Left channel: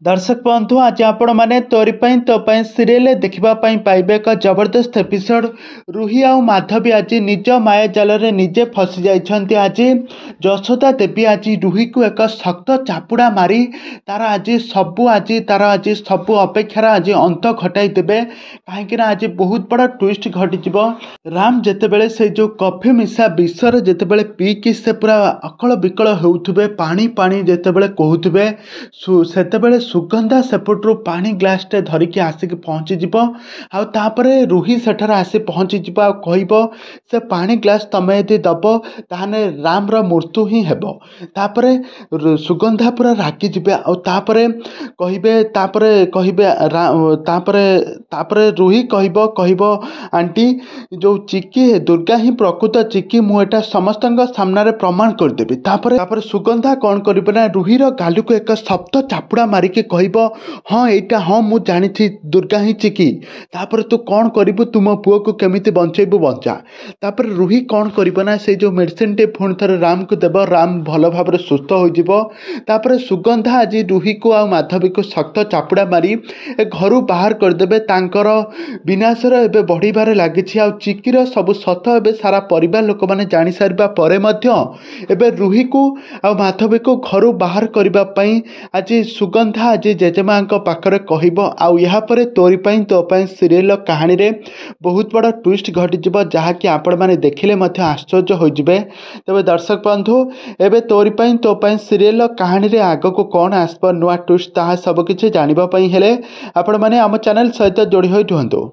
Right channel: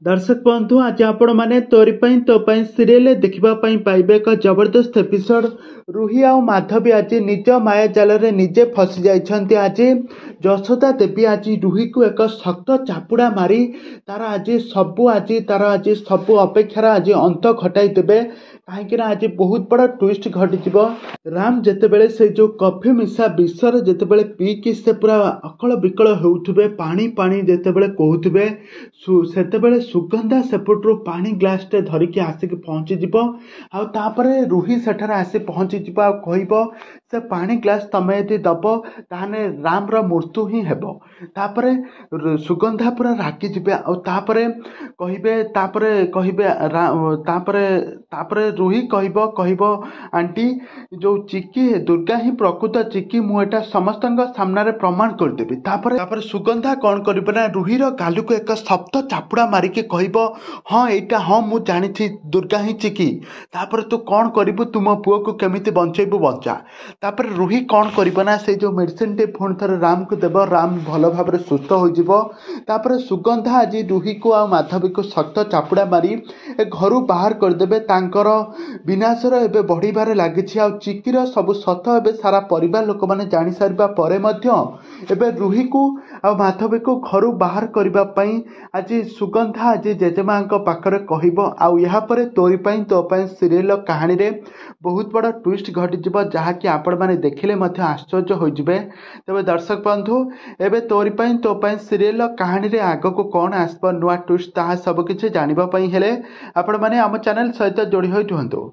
दर्शक बंधु आज आपण मैंने तोरी तो सीरियल देखा पाइबे एक जबरदस्त एपिसोड। रुही आ माधवी आज निज माया जाल निजे फसी जाइछन्ति। आज यशोदा देवी आज रुही को एक शक्त चापुड़ा मारी तार सब अपेक्षार आज अंत घटाई देबे। कहीं आज बहुत बड़ा ट्विस्ट घटी। राम जितेबले से जो कॉफी मिशा विषर जितेबले पीकी से पूरा अकल विकल होउथुबे, पानी पानी जितेबले कहूथुबे, सेतेबले सुगंधा सेपटू पानी ग्लासटे धरिकी आसिक पहुँचीज। आउे रुही सेठार आसी पहुँचीज कहब से पानी ग्लास तमें यदि दब ताहने रामर मृत्यु ही हेब। तापरे सुगंधा पूरा रागिजे कहबे रुही कहब आंटी जो चिकी दुर्गा ही प्रकृत चिकी मुझे समस्त सामने प्रमाण करदेवी। तापर सुगंधा कौन कर रुहीर गालू को एक शब्द चापुड़ा मारिकी कहब हाँ एटा हाँ मु जानी दुर्गा ही चिकी। तापर तू कौन करू तुम पुओ को केमिति बंचेबू बंचा। तापर रुही कौन करना से जो मेडिसिन टे पुणी थे राम को देव, राम भल भाव सुस्थ हो। सुगंधा आज रुही को आ माधवी को शक्त चापुड़ा मारी घर बाहर करदेवे। तांकर विनाशर एबे बढ़िबार लागिछि। आ चिकीर सब सत एबे सारा परिवार लोक माने जानि सारिबा परे मध्य एबे रुही को आ माधवी को घर बाहर करबा पई आज सुगंधा आज जेजेमा पाखरे कहब। आपर तोरी तो सीरियल कहानी रे बहुत बड़ा ट्विस्ट घटी जहाँकि आपण मैंने देखिले मध्य आश्चर्य हो जिबे। तबे दर्शक बंधु एबे तोरी तो सीरियल कहानी रे आग को कौन आसब नुआ ट्विस्ट ताहा सब किछि जानिबा पई हेले आपण माने आम चैनल सहित जोड़ी होई रुहंतु।